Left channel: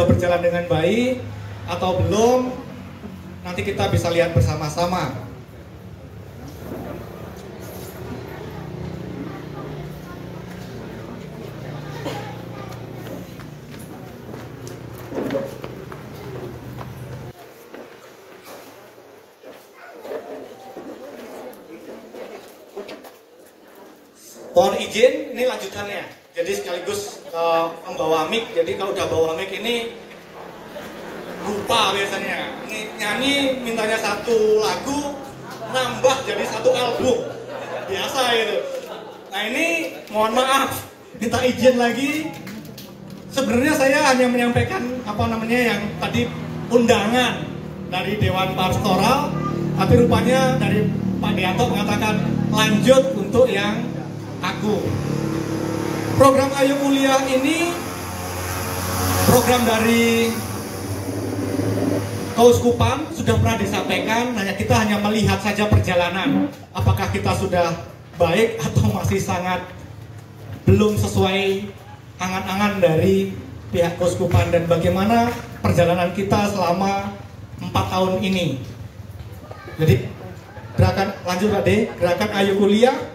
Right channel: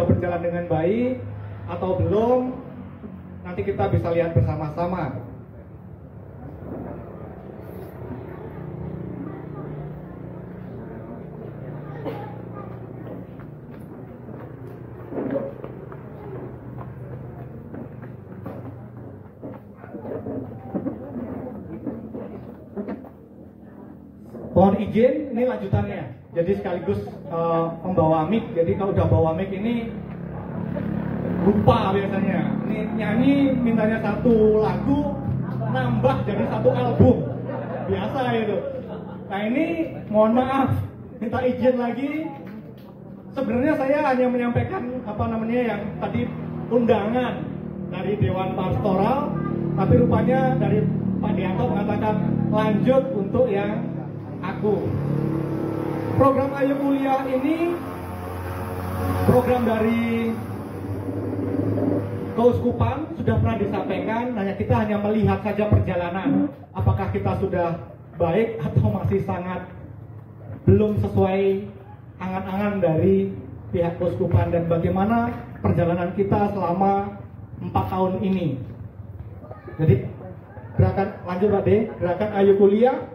sudah berjalan dengan baik atau belum, nanti kita bisa lihat bersama-sama. Mohon izin, ini lanjutannya. Jadi sekaligus membawa mic. Jadi kalau udah bawa mic ini lupa biasanya. Ini nyanyi mintanya satu lagu, nambah jadi satu album. Biasa itu. Nah ini mohon maaf, minta izin lagi. Sebenarnya saya hanya menyampaikan yang tadi undangan dari Dewan Pastoral, tapi rupanya dari Pak Dianto mengatakan lanjut untuk yang aku. Program Ayo Kuliah ini program dari Keuskupan, sudah pernah disampaikan, kita hanya melihat saja perjalanan, apakah kita sudah baik atau masih sangat belum sesuai angan-angan dari pihak Keuskupan, dan bagaimana perjalanan kita selama 4 tahun ini. Jadi gerakan Ayo Kuliah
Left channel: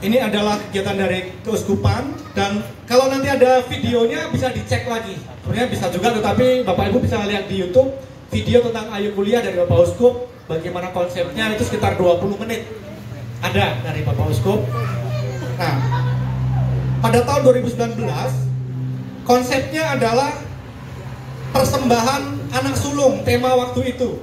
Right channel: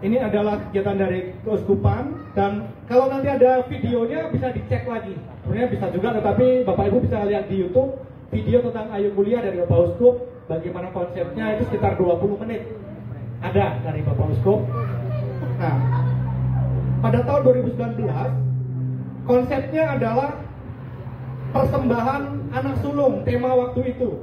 ini adalah kegiatan dari Keuskupan, dan kalau nanti ada videonya bisa dicek lagi. Sebenarnya bisa juga, tetapi Bapak Ibu bisa lihat di YouTube video tentang Ayo Kuliah dari Bapak Uskup, bagaimana konsepnya, itu sekitar 20 menit ada dari Bapak Uskup. Nah, pada tahun 2019 konsepnya adalah persembahan anak sulung, tema waktu itu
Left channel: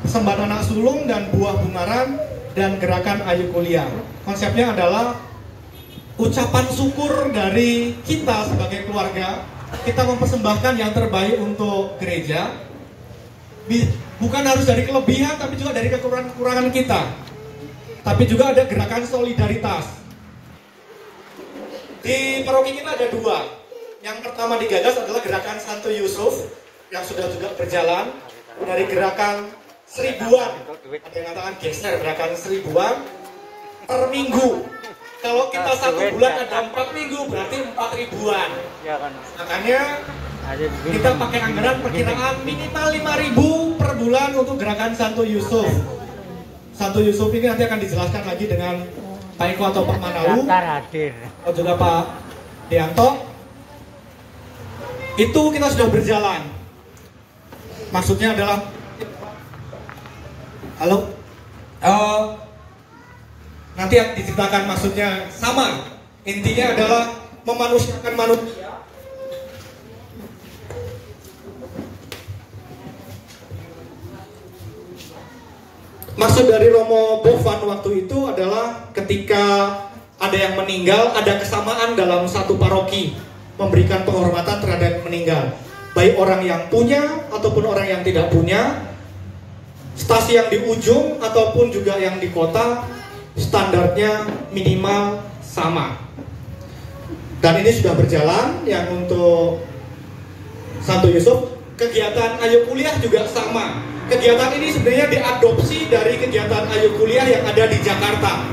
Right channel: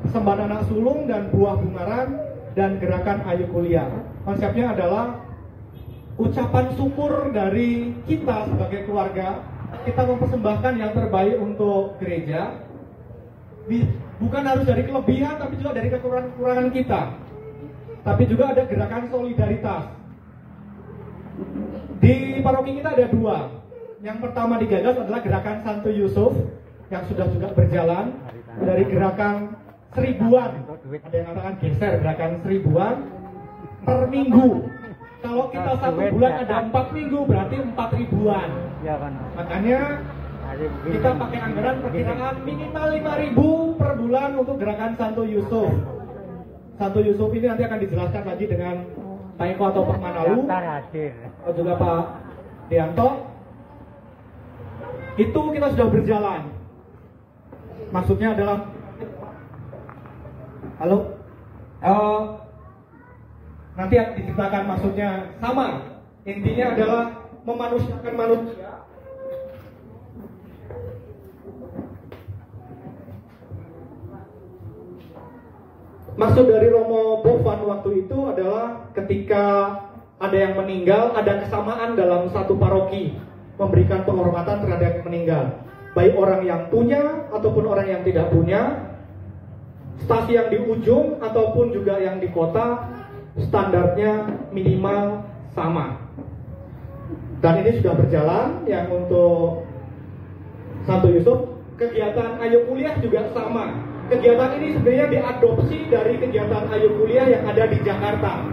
persembahan anak sulung dan buah bungaran dan gerakan Ayo Kuliah. Konsepnya adalah ucapan syukur dari kita sebagai keluarga. Kita mempersembahkan yang terbaik untuk gereja. Bukan harus dari kelebihan, tapi juga dari kekurangan kita. Tapi juga ada gerakan solidaritas. Di paroki kita ada 2. Yang pertama digagas adalah gerakan Santo Yusuf yang sudah juga berjalan dari gerakan 1000-an. Ada yang katakan geser gerakan 1000-an per minggu. Kalau kita 1 bulan ada 4 minggu, berarti 4000-an. Makanya kita pakai anggaran perkiraan minimal 5000 per bulan untuk gerakan Santo Yusuf. Santo Yusuf ini nanti akan dijelaskan lagi dengan Pak Eko atau Pak Manalu atau juga Pak Dianto. Itu kita sudah berjalan. Maksudnya adalah nanti yang diceritakan maksudnya sama. Intinya adalah memanusiakan manusia. Maksud dari Romo Bovan waktu itu adalah ketika ada yang meninggal, ada kesamaan dalam satu paroki memberikan penghormatan terhadap yang meninggal, baik orang yang punya ataupun orang yang tidak punya. Stasi yang di ujung ataupun juga yang di kota, standarnya minimal sama. Dan ini sudah berjalan. Yang untuk Santo Yusuf, kegiatan Ayo Kuliah juga sama. Kegiatan ini sebenarnya diadopsi dari kegiatan Ayo Kuliah yang ada di Jakarta,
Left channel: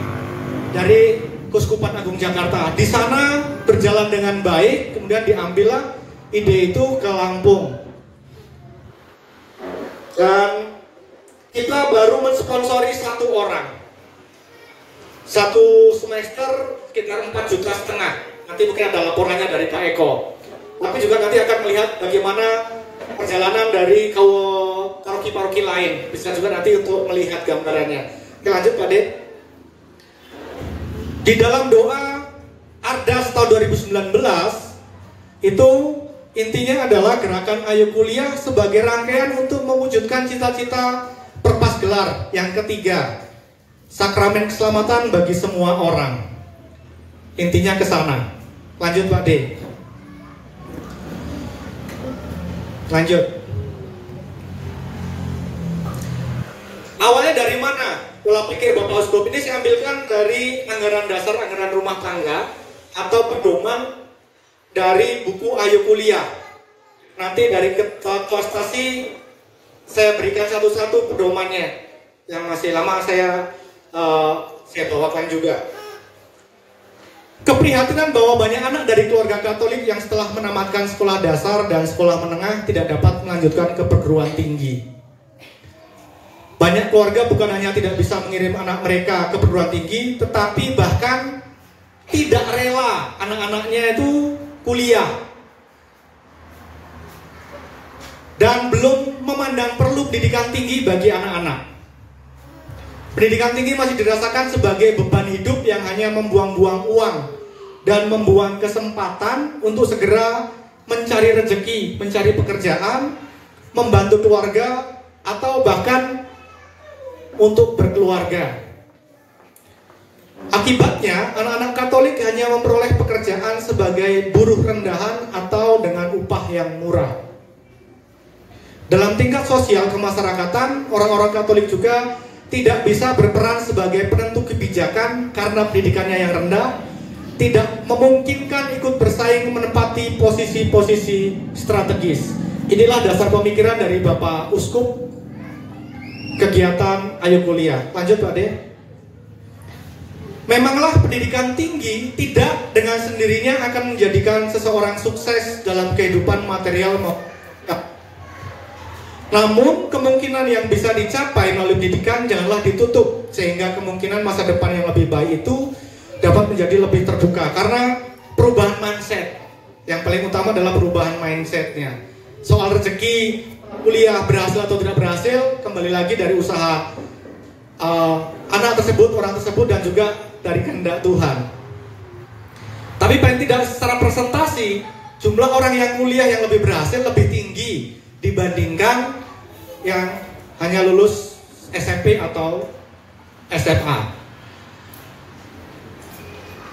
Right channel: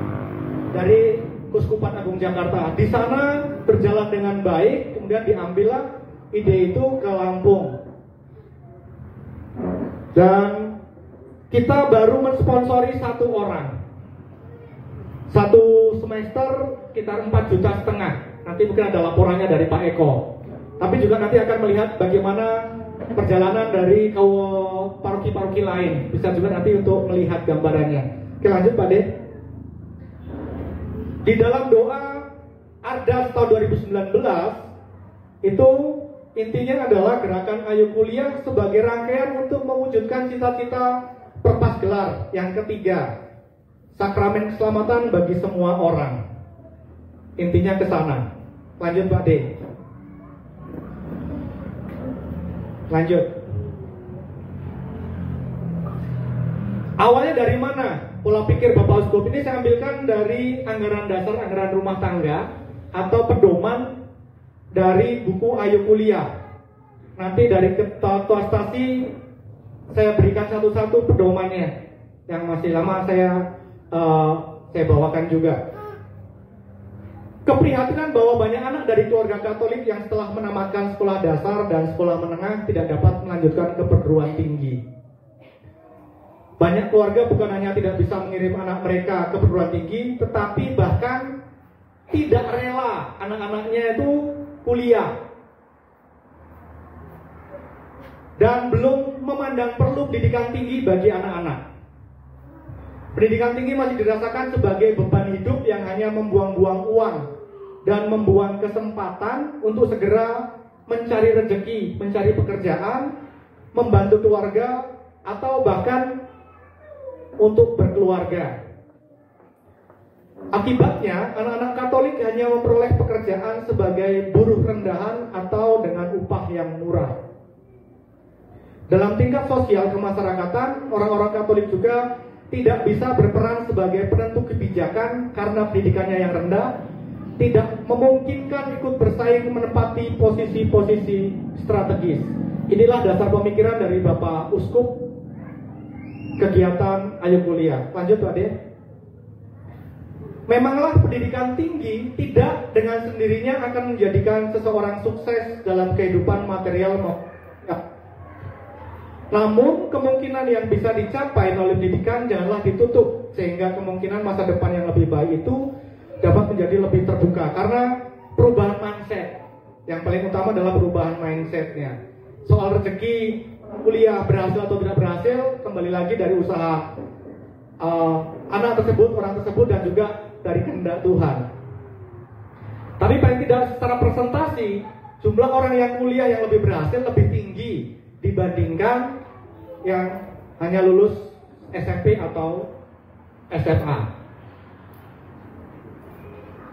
dari Keuskupan Agung Jakarta. Di sana berjalan dengan baik, kemudian diambillah ide itu ke Lampung. Dan kita baru mensponsori 1 orang. 1 semester sekitar 4,5 juta. Nanti mungkin ada laporannya dari Pak Eko. Tapi juga nanti akan melihat bagaimana perjalanan dari paroki-paroki lain. Bisa juga nanti untuk melihat gambarannya. Oke, lanjut Pak De. Di dalam doa Ardas tahun 2019 itu intinya adalah gerakan Ayo Kuliah sebagai rangkaian untuk mewujudkan cita-cita Perpas Gelar yang ketiga, sakramen keselamatan bagi semua orang. Intinya ke sana. Lanjut Pak D. Lanjut. Awalnya dari mana? Pola pikir Bapak Uskup ini saya ambilkan dari anggaran dasar, anggaran rumah tangga atau pedoman dari buku Ayo Kuliah. Nanti dari ketua stasi saya berikan satu-satu pedomannya. Yang masih lama saya bawakan juga. keprihatinan bahwa banyak anak dari keluarga Katolik yang setelah menamatkan sekolah dasar dan sekolah menengah tidak dapat melanjutkan ke perguruan tinggi. Banyak keluarga bukan hanya tidak bisa mengirim anak mereka ke perguruan tinggi, tetapi bahkan tidak rela anak-anaknya itu kuliah. Dan belum memandang perlu pendidikan tinggi bagi anak-anak. Pendidikan tinggi masih dirasakan sebagai beban hidup yang hanya membuang-buang uang dan membuang kesempatan untuk segera mencari rezeki, mencari pekerjaan, membantu keluarga, atau bahkan untuk berkeluarga. Akibatnya, anak-anak Katolik hanya memperoleh pekerjaan sebagai buruh rendahan atau dengan upah yang murah. Dalam tingkat sosial kemasyarakatan, orang-orang Katolik juga tidak bisa berperan sebagai penentu kebijakan karena pendidikannya yang rendah, tidak memungkinkan ikut bersaing menempati posisi-posisi strategis. Inilah dasar pemikiran dari Bapak Uskup kegiatan Ayo Kuliah. Lanjut Pak De. Memanglah pendidikan tinggi tidak dengan sendirinya akan menjadikan seseorang sukses dalam kehidupan material. Namun kemungkinan yang bisa dicapai melalui pendidikan janganlah ditutup, sehingga kemungkinan masa depan yang lebih baik itu dapat menjadi lebih terbuka. Karena perubahan mindset, yang paling utama adalah perubahan mindsetnya. Soal rezeki, kuliah berhasil atau tidak berhasil, kembali lagi dari usaha anak tersebut, orang tersebut, dan juga dari kehendak Tuhan. Tapi paling tidak secara presentasi, jumlah orang yang kuliah yang lebih berhasil lebih tinggi dibandingkan yang hanya lulus SMP atau SMA.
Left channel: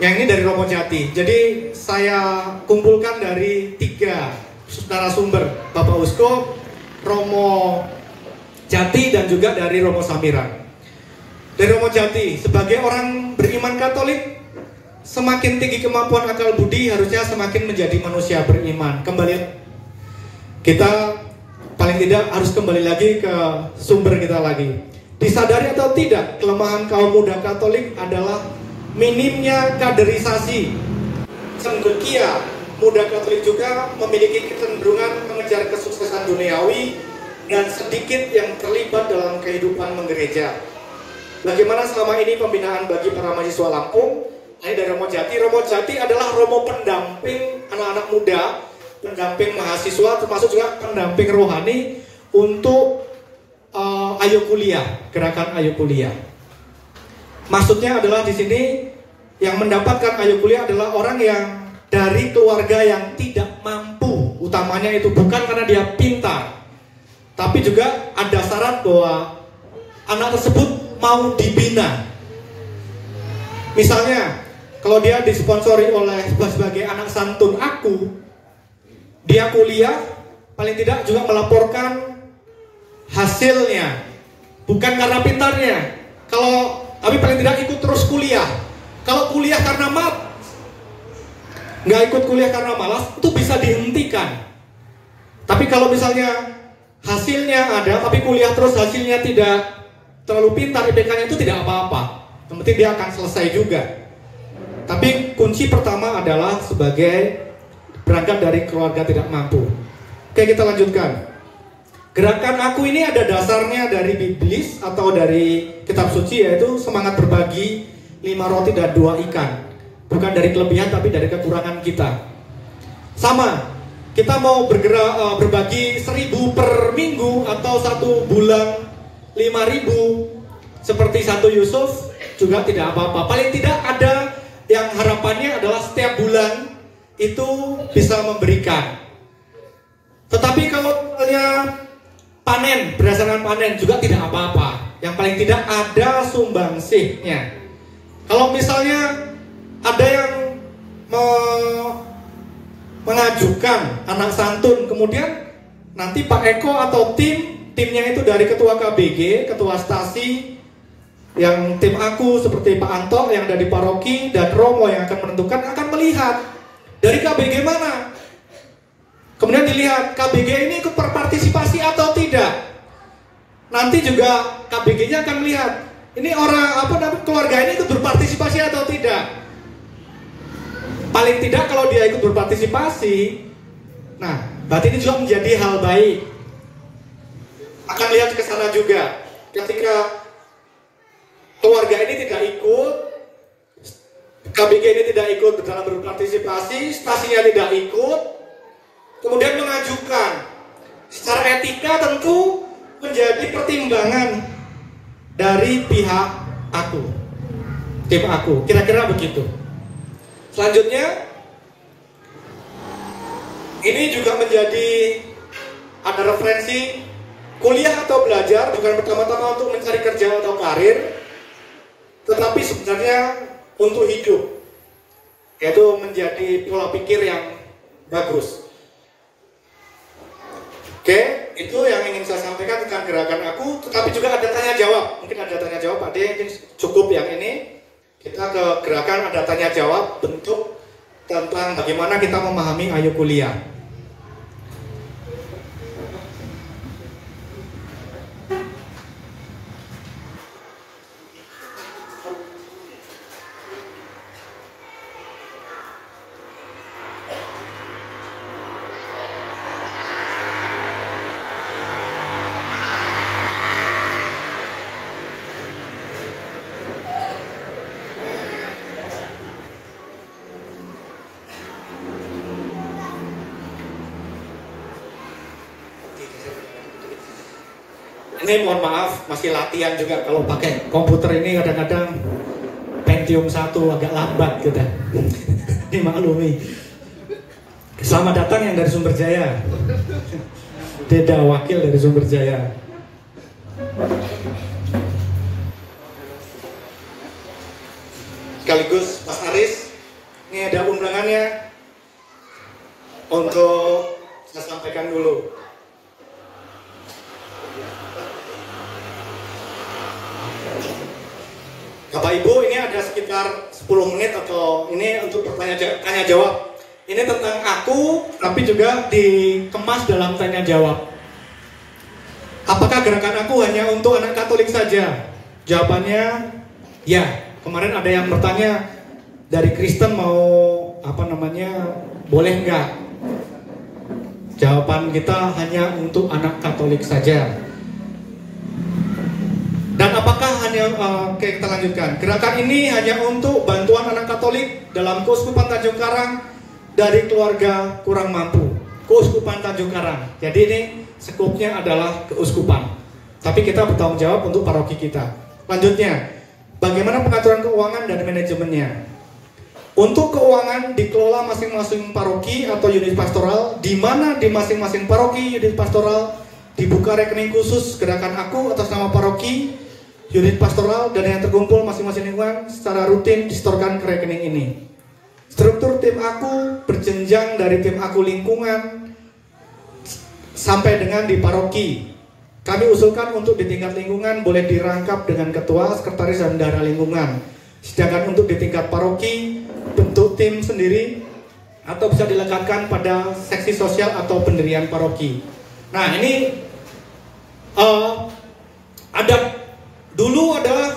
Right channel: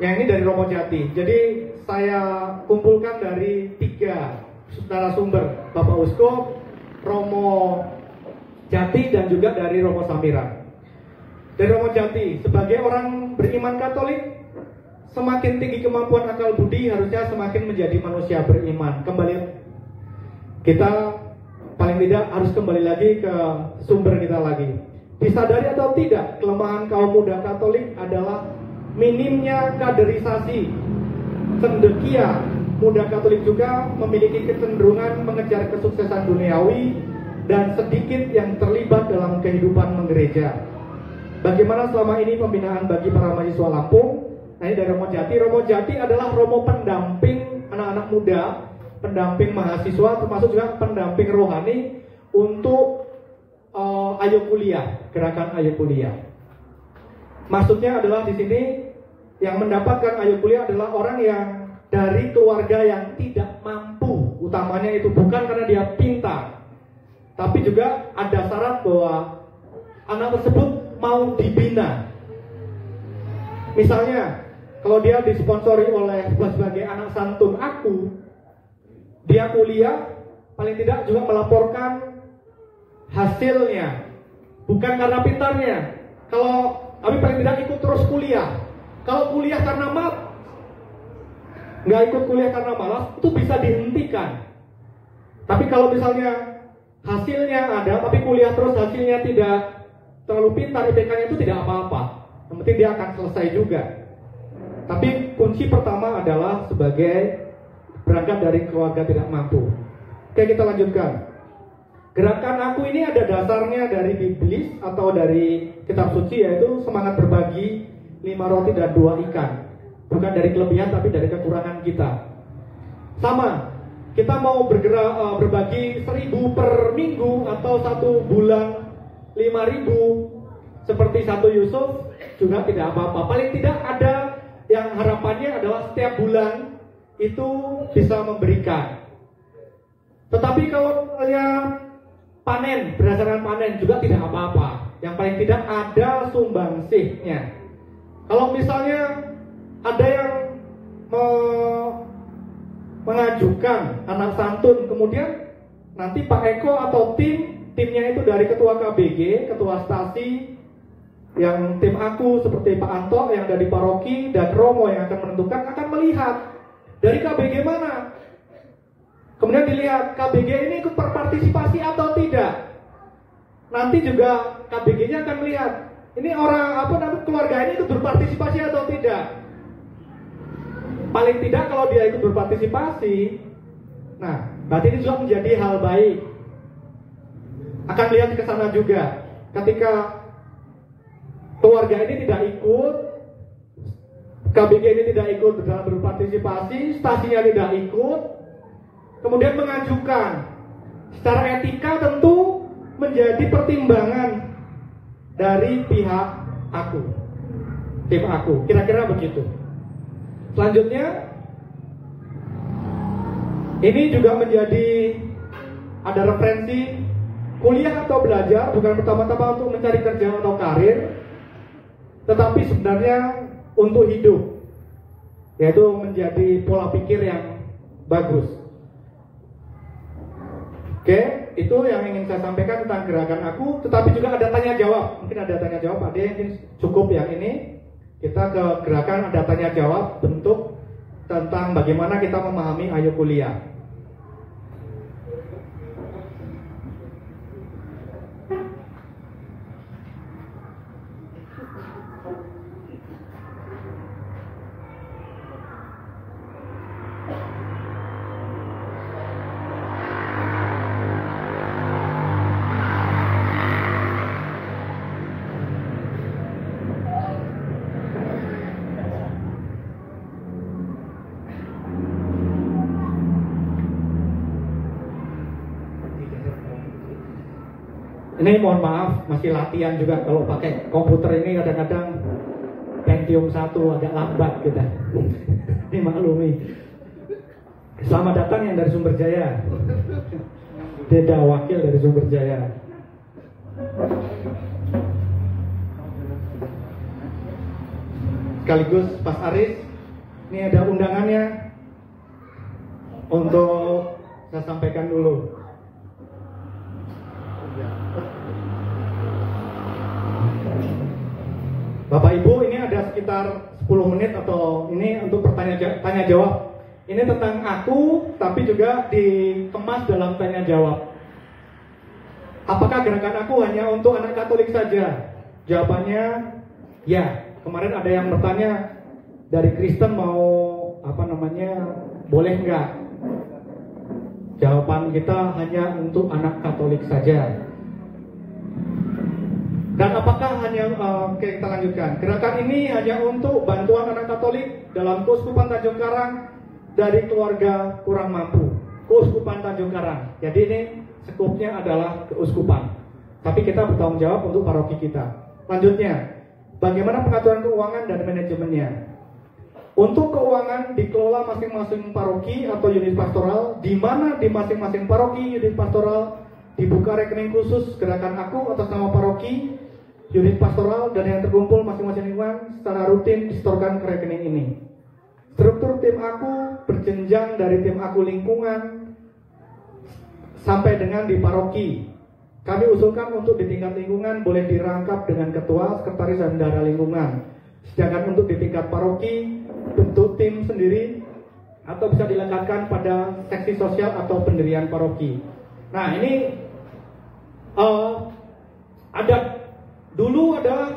Yang ini dari Romo Jati. Jadi saya kumpulkan dari 3 narasumber, Bapak Uskup, Romo Jati, dan juga dari Romo Samira. Dari Romo Jati, sebagai orang beriman Katolik, semakin tinggi kemampuan akal budi harusnya semakin menjadi manusia beriman. Kembali kita paling tidak harus kembali lagi ke sumber kita lagi. Disadari atau tidak, kelemahan kaum muda Katolik adalah minimnya kaderisasi. Cendekia muda Katolik juga memiliki kecenderungan mengejar kesuksesan duniawi dan sedikit yang terlibat dalam kehidupan menggereja. Bagaimana selama ini pembinaan bagi para mahasiswa Lampung? Nah, ini dari Romo Jati. Romo Jati adalah romo pendamping anak-anak muda, pendamping mahasiswa, termasuk juga pendamping rohani untuk Ayo Kuliah, gerakan Ayo Kuliah. Maksudnya adalah di sini yang mendapatkan Ayo Kuliah adalah orang yang dari keluarga yang tidak mampu, utamanya itu bukan karena dia pintar, tapi juga ada syarat bahwa anak tersebut mau dibina. Misalnya, kalau dia disponsori oleh sebagai anak santun aku, dia kuliah, paling tidak juga melaporkan hasilnya, bukan karena pintarnya. Tapi paling tidak ikut terus kuliah. Kalau kuliah karena nggak ikut kuliah karena malas, itu bisa dihentikan. Tapi kalau misalnya hasilnya ada, tapi kuliah terus hasilnya tidak terlalu pintar, IPK-nya itu tidak apa-apa. Yang penting dia akan selesai juga. Tapi kunci pertama adalah sebagai berangkat dari keluarga tidak mampu. Oke, kita lanjutkan. Gerakan aku ini ada dasarnya dari Biblis atau dari kitab suci, yaitu semangat berbagi 5 roti dan 2 ikan. Bukan dari kelebihan tapi dari kekurangan kita. Sama, kita mau bergerak berbagi 1.000 per minggu atau 1 bulan 5.000 seperti Santo Yusuf juga tidak apa-apa. Paling tidak ada yang harapannya adalah setiap bulan itu bisa memberikan. Tetapi kalau panen, berdasarkan panen juga tidak apa-apa. Yang paling tidak ada sumbangsihnya. Kalau misalnya ada yang mengajukan anak santun, kemudian nanti Pak Eko atau timnya itu dari ketua KBG, ketua stasi, yang tim aku seperti Pak Anto yang ada di paroki, dan Romo yang akan menentukan, akan melihat dari KBG mana. Kemudian dilihat KBG ini ikut berpartisipasi atau tidak. Nanti juga KBG-nya akan melihat ini orang keluarga ini ikut berpartisipasi atau tidak. paling tidak kalau dia ikut berpartisipasi, nah berarti ini juga menjadi hal baik. Akan lihat ke sana juga, ketika keluarga ini tidak ikut, KBG ini tidak ikut dalam berpartisipasi, stasinya tidak ikut, kemudian mengajukan, secara etika tentu menjadi pertimbangan dari pihak aku, tim aku, kira-kira begitu. Selanjutnya, ini juga menjadi ada referensi kuliah atau belajar bukan pertama-tama untuk mencari kerja atau karir, tetapi sebenarnya untuk hidup, yaitu menjadi pola pikir yang bagus. Oke, itu yang ingin saya sampaikan tentang gerakan aku, tetapi juga ada tanya jawab. Mungkin ada tanya jawab, Pak De, mungkin cukup yang ini. Kita ke gerakan ada tanya jawab bentuk tentang bagaimana kita memahami Ayo Kuliah. Ini mohon maaf, masih latihan juga kalau pakai komputer ini kadang-kadang Pentium 1 agak lambat gitu. Dimaklumi. Selamat datang yang dari Sumber Jaya. Deda wakil dari Sumber Jaya. Sekaligus Mas Aris, ini ada undangannya untuk saya sampaikan dulu. Bapak Ibu, ini ada sekitar 10 menit atau ini untuk tanya jawab. Ini tentang aku, tapi juga dikemas dalam tanya jawab. Apakah gerakan aku hanya untuk anak Katolik saja? Jawabannya ya. Kemarin ada yang bertanya dari Kristen mau boleh nggak? Jawaban kita hanya untuk anak Katolik saja. Dan apakah oke, kita lanjutkan. Gerakan ini hanya untuk bantuan anak Katolik dalam Keuskupan Tanjung Karang dari keluarga kurang mampu. Keuskupan Tanjung Karang. Jadi ini skupnya adalah keuskupan. Tapi kita bertanggung jawab untuk paroki kita. Lanjutnya, bagaimana pengaturan keuangan dan manajemennya? Untuk keuangan dikelola masing-masing paroki atau unit pastoral, di mana di masing-masing paroki unit pastoral dibuka rekening khusus gerakan aku atas nama paroki, unit pastoral, dan yang terkumpul masing-masing lingkungan secara rutin disetorkan ke rekening ini. Struktur tim aku berjenjang dari tim aku lingkungan sampai dengan di paroki. Kami usulkan untuk di tingkat lingkungan boleh dirangkap dengan ketua, sekretaris, dan bendahara lingkungan. Sedangkan untuk di tingkat paroki, bentuk tim sendiri atau bisa dilekatkan pada seksi sosial atau pendirian paroki. Nah, ini dulu adalah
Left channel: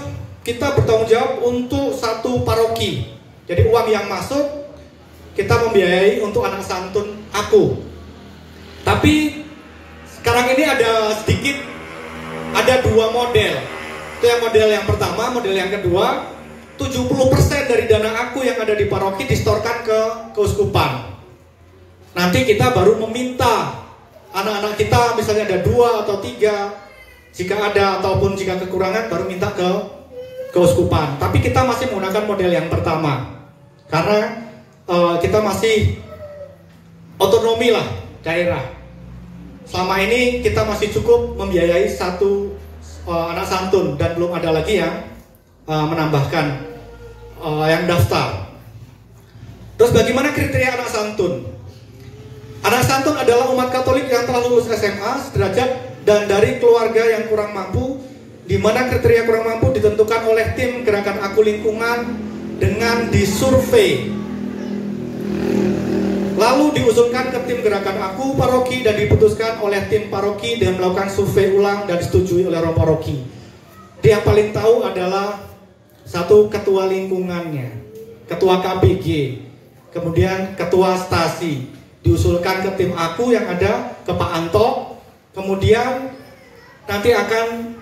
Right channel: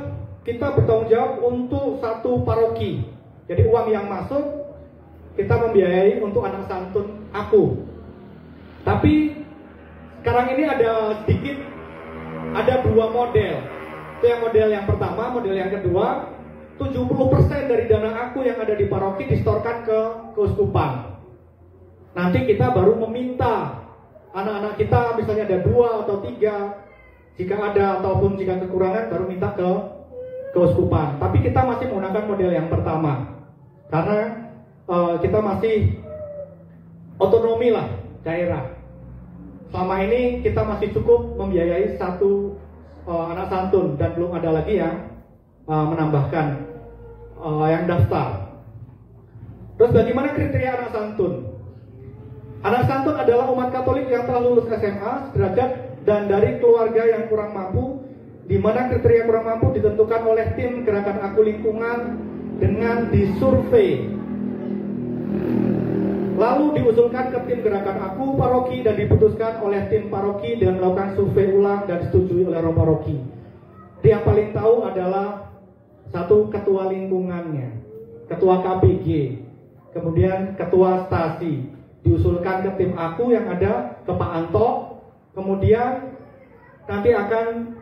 kita bertanggung jawab untuk satu paroki. Jadi uang yang masuk kita membiayai untuk anak santun aku. Tapi sekarang ini ada dua model. Itu yang model yang pertama, model yang kedua, 70% dari dana aku yang ada di paroki disetorkan ke keuskupan. Nanti kita baru meminta anak-anak kita, misalnya ada 2 atau 3, jika ada ataupun jika kekurangan baru minta ke keuskupan. Tapi kita masih menggunakan model yang pertama karena kita masih otonomi lah daerah. Selama ini kita masih cukup membiayai satu anak santun dan belum ada lagi yang menambahkan yang daftar. Terus bagaimana kriteria anak santun? Anak santun adalah umat Katolik yang telah lulus SMA sederajat dan dari keluarga yang kurang mampu, di mana kriteria kurang mampu ditentukan oleh tim gerakan aku lingkungan dengan disurvei, lalu diusulkan ke tim gerakan aku paroki dan diputuskan oleh tim paroki dan melakukan survei ulang dan disetujui oleh orang paroki. Dia paling tahu adalah satu ketua lingkungannya, ketua KBG. kemudian ketua stasi, diusulkan ke tim aku yang ada ke Pak Anto, kemudian nanti akan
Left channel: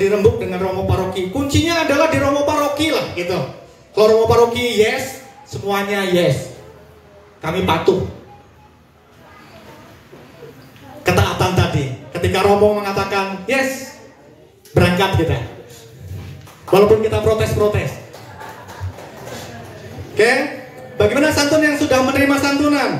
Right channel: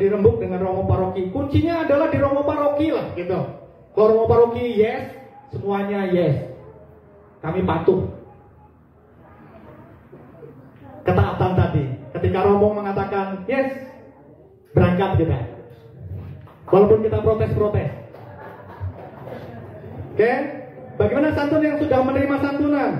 dirembuk dengan Romo Paroki. Kuncinya adalah di Romo Paroki lah gitu. Kalau Romo Paroki yes, semuanya yes, kami patuh. Ketaatan tadi, ketika Romo mengatakan yes, berangkat kita, walaupun kita protes-protes. Oke, bagaimana santun yang sudah menerima santunan?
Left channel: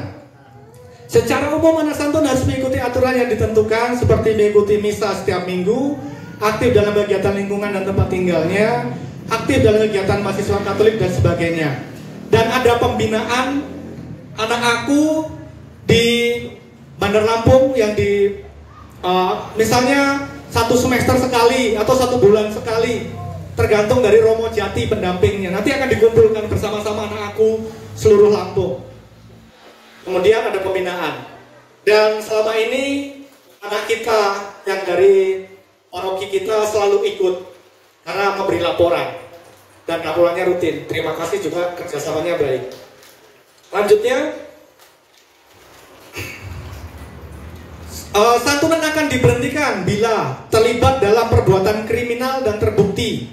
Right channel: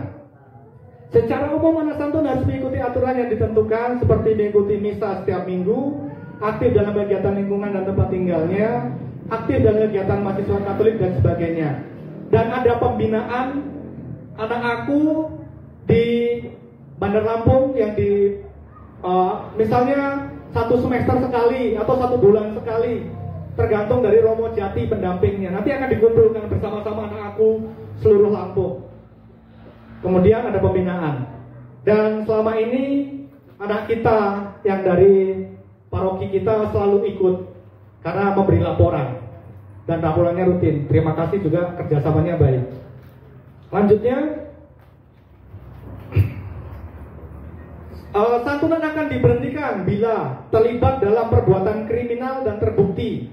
Secara umum anak santun harus mengikuti aturan yang ditentukan, seperti mengikuti misa setiap minggu, aktif dalam kegiatan lingkungan dan tempat tinggalnya, aktif dalam kegiatan mahasiswa Katolik dan sebagainya. Dan ada pembinaan anak aku di Bandar Lampung yang di misalnya 1 semester sekali atau 1 bulan sekali, tergantung dari Romo Jati pendampingnya. Nanti akan dikumpulkan bersama-sama anak aku seluruh Lampung. Kemudian ada pembinaan. Dan selama ini anak kita yang dari paroki kita selalu ikut karena memberi laporan, dan laporannya rutin. Terima kasih juga, kerjasamanya baik. Lanjutnya, santunan akan diberhentikan bila terlibat dalam perbuatan kriminal dan terbukti.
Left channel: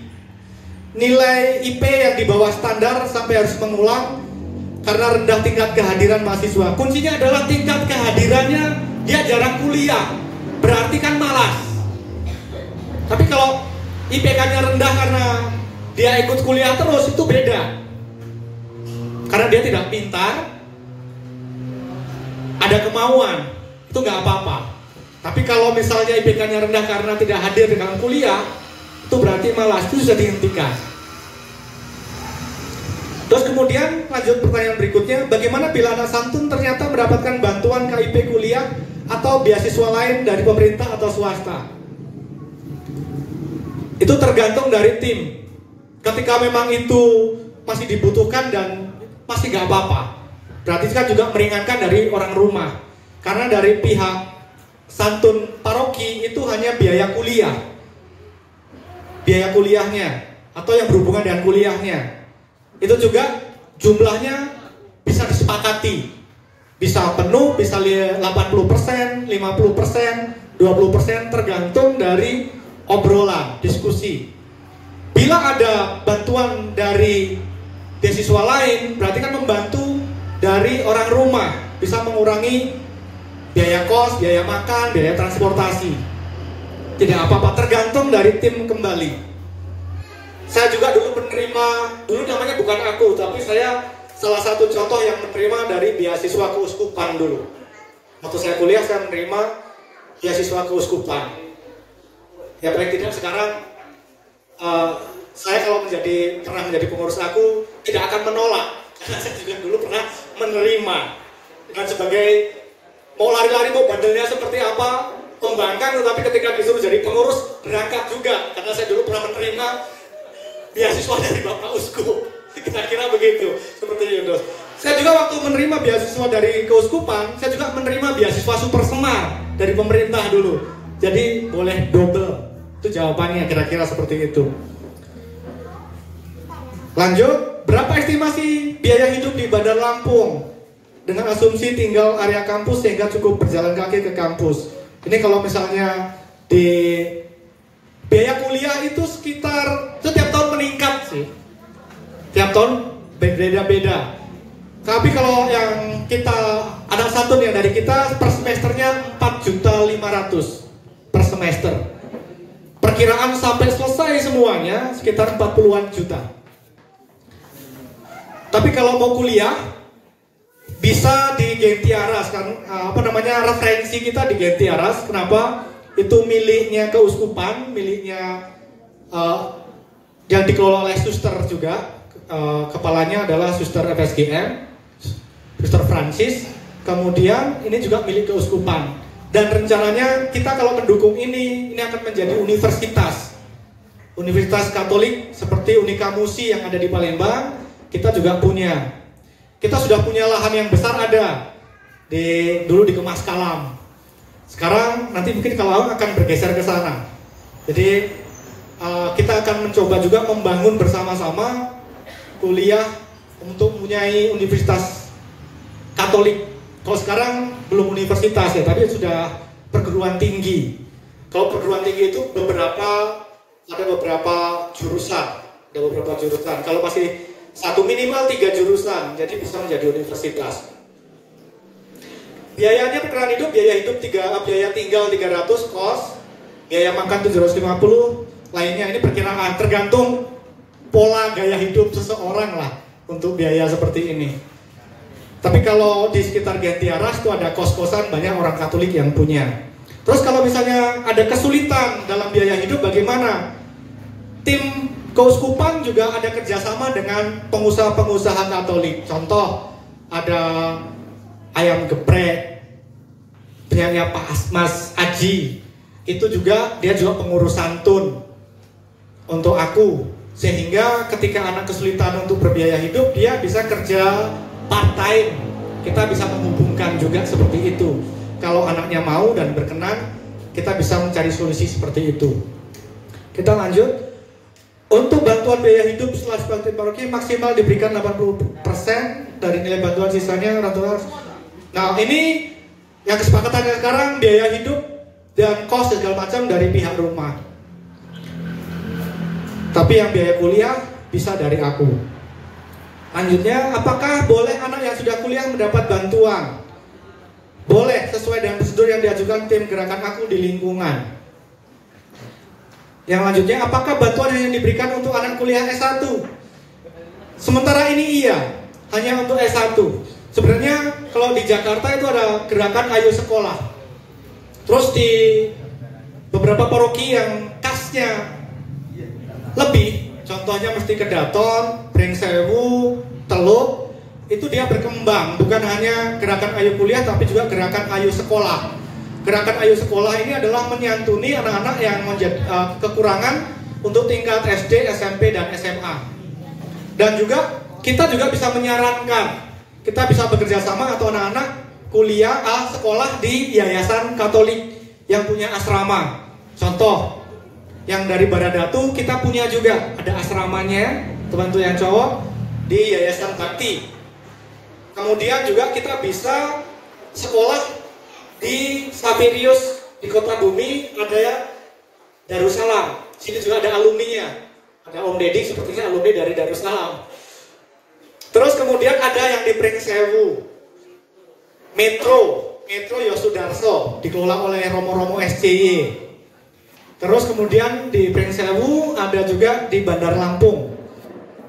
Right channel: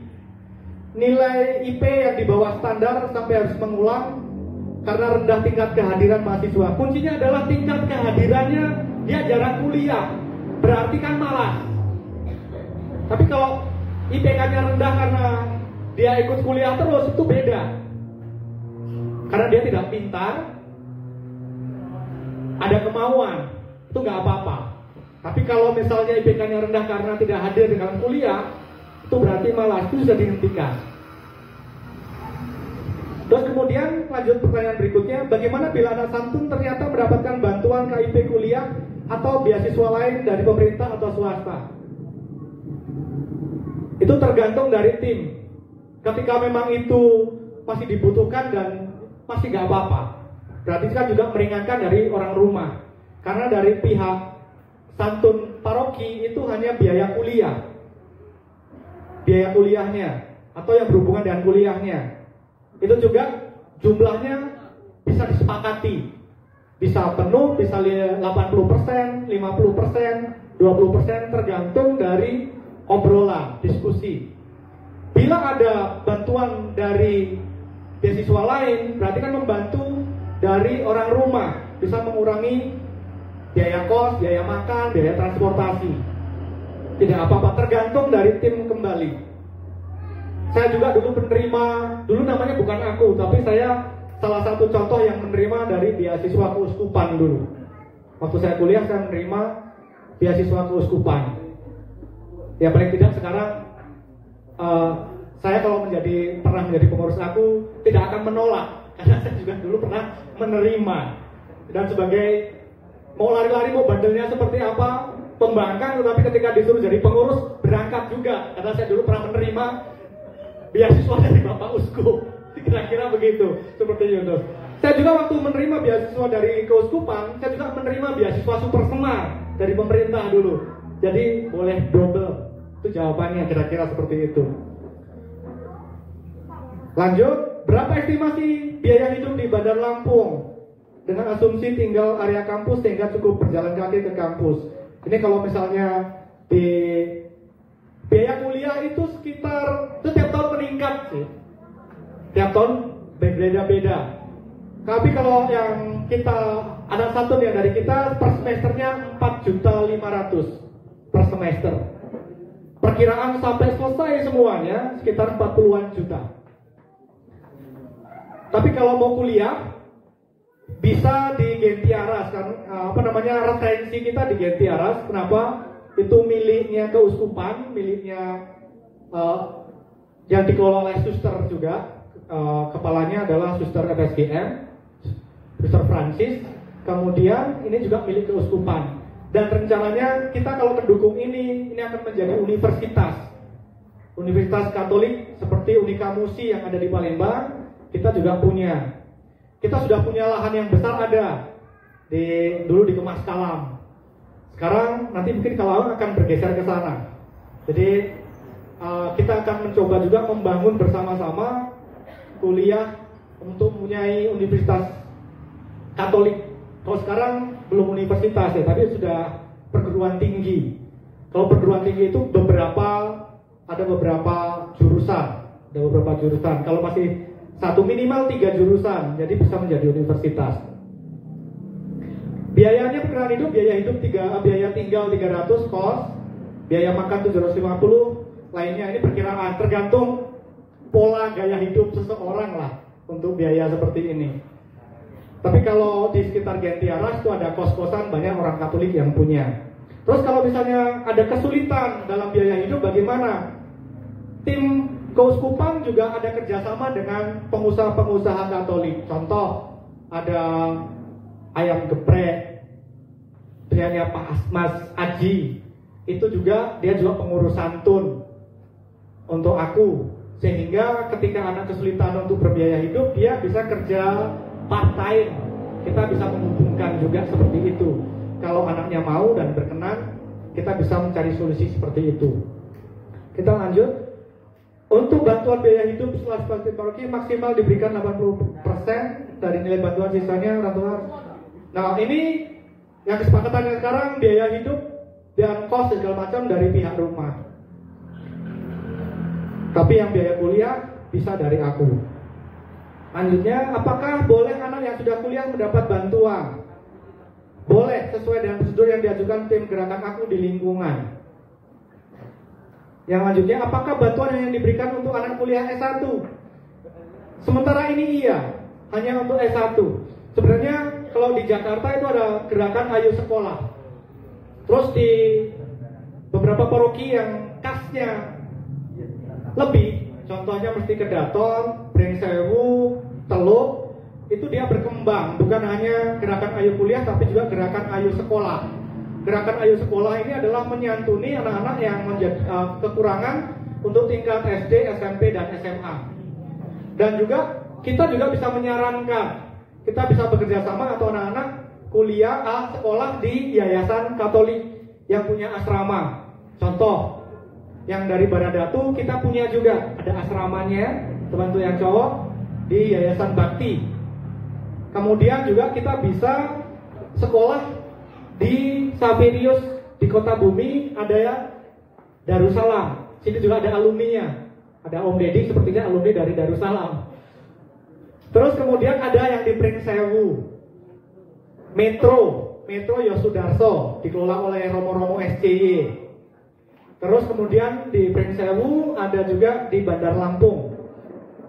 Nilai IP yang di bawah standar sampai harus mengulang karena rendah tingkat kehadiran mahasiswa. Kuncinya adalah tingkat kehadirannya, dia jarang kuliah, berarti kan malas. Tapi kalau IPK-nya rendah karena dia ikut kuliah terus, itu beda. Karena dia tidak pintar, ada kemauan, itu nggak apa-apa. Tapi kalau misalnya IPK-nya rendah karena tidak hadir dalam kuliah, itu berarti malas, itu sudah dihentikan. Terus kemudian lanjut pertanyaan berikutnya, bagaimana bila anak santun ternyata mendapatkan bantuan KIP kuliah atau beasiswa lain dari pemerintah atau swasta? Itu tergantung dari tim. Ketika memang itu masih dibutuhkan dan masih gak apa-apa, berarti kan juga meringankan dari orang rumah. Karena dari pihak santun paroki itu hanya biaya kuliah, biaya kuliahnya atau yang berhubungan dengan kuliahnya. Itu juga jumlahnya bisa disepakati, bisa penuh, bisa 80%, 50%, 20%, tergantung dari obrolan, diskusi. Bila ada bantuan dari beasiswa lain, berarti kan membantu dari orang rumah, bisa mengurangi biaya kos, biaya makan, biaya transportasi. Tidak apa-apa, tergantung dari tim kembali. Saya juga dulu menerima, dulu namanya bukan aku, tapi saya salah satu contoh yang menerima dari beasiswa keuskupan dulu. Waktu saya kuliah, saya menerima beasiswa keuskupan. Ya paling tidak sekarang saya kalau pernah menjadi pengurus aku tidak akan menolak, karena saya juga dulu pernah menerima. Dan sebagai mau lari-lari, mau bandelnya seperti apa, pembangkang, tetapi ketika disuruh jadi pengurus berangkat juga, karena saya dulu pernah menerima beasiswa dari Bapak Uskup. Kira-kira begitu, seperti Yunus. Saya juga waktu menerima beasiswa dari keuskupan, saya juga menerima beasiswa super semar dari pemerintah dulu. Jadi boleh double. Itu jawabannya, kira-kira seperti itu. Lanjut, berapa estimasi biaya hidup di Bandar Lampung dengan asumsi tinggal area kampus sehingga cukup berjalan kaki ke kampus? Ini kalau misalnya di biaya kuliah itu sekitar setiap tahun meningkat sih. Tiap tahun beda-beda. Tapi kalau yang kita anak santun yang dari kita per semesternya 4.500.000 per semester. Perkiraan sampai selesai semuanya sekitar 40-an juta. Tapi kalau mau kuliah bisa di Gentiaras kan, referensi kita di Gentiaras. Kenapa? Itu miliknya keuskupan, miliknya yang dikelola oleh suster juga. Kepalanya adalah suster FSGM, Suster Francis. Kemudian ini juga milik keuskupan. Dan rencananya kita kalau mendukung ini akan menjadi universitas Katolik seperti Unika Musi yang ada di Palembang. Kita juga punya. Kita sudah punya lahan yang besar ada dulu di Kemas Kalam. Sekarang nanti mungkin kalau akan bergeser ke sana. Jadi kita akan mencoba juga membangun bersama-sama kuliah untuk mempunyai universitas Katolik. Kalau sekarang belum universitas ya, tapi sudah perguruan tinggi. Kalau perguruan tinggi itu ada beberapa jurusan. Kalau masih satu minimal 3 jurusan, jadi bisa menjadi universitas. Biayanya perkiraan hidup, biaya tinggal 300 kos, biaya makan 750, lainnya ini perkiraan tergantung pola gaya hidup seseorang lah untuk biaya seperti ini. Tapi kalau di sekitar Gentiaras itu ada kos-kosan banyak orang Katolik yang punya. Terus kalau misalnya ada kesulitan dalam biaya hidup bagaimana? Tim keuskupan juga ada kerjasama dengan pengusaha-pengusaha Katolik. Contoh, ada ayam geprek, punyanya Pak Mas Aji. Itu juga, dia juga pengurus santun untuk aku. Sehingga ketika anak kesulitan untuk berbiaya hidup, dia bisa kerja part-time. Kita bisa menghubungkan juga seperti itu. Kalau anaknya mau dan berkenan, kita bisa mencari solusi seperti itu. Kita lanjut. Untuk bantuan biaya hidup setelah bakti paroki maksimal diberikan 80% dari nilai bantuan, sisanya rata-rata. Nah, ini yang kesepakatannya sekarang biaya hidup dan kos segala macam dari pihak rumah. Tapi yang biaya kuliah bisa dari aku. Lanjutnya, apakah boleh anak yang sudah kuliah mendapat bantuan? Boleh, sesuai dengan prosedur yang diajukan tim gerakan aku di lingkungan. Yang lanjutnya, apakah bantuan yang diberikan untuk anak kuliah S1? Sementara ini iya, hanya untuk S1. Sebenarnya kalau di Jakarta itu ada gerakan Ayo Sekolah. Terus di beberapa paroki yang kasnya lebih, contohnya Mesti Kedaton, Pringsewu, Teluk, itu dia berkembang, bukan hanya gerakan Ayo Kuliah tapi juga gerakan Ayo Sekolah. Gerakan Ayo Sekolah ini adalah menyantuni anak-anak yang kekurangan untuk tingkat SD, SMP, dan SMA. Dan juga kita juga bisa menyarankan, kita bisa bekerja sama atau anak-anak kuliah sekolah di yayasan Katolik yang punya asrama. Contoh, yang dari Baradatu kita punya juga ada asramanya, teman-teman yang cowok di Yayasan Bakti. Kemudian juga kita bisa sekolah di Saverius di Kota Bumi, ada ya Darussalam. Sini juga ada alumninya. Ada Om Deddy sepertinya alumni dari Darussalam. Terus kemudian ada yang di Pringsewu. Metro Yosudarso dikelola oleh Romo-Romo SCY. Terus kemudian di Pringsewu ada juga di Bandar Lampung.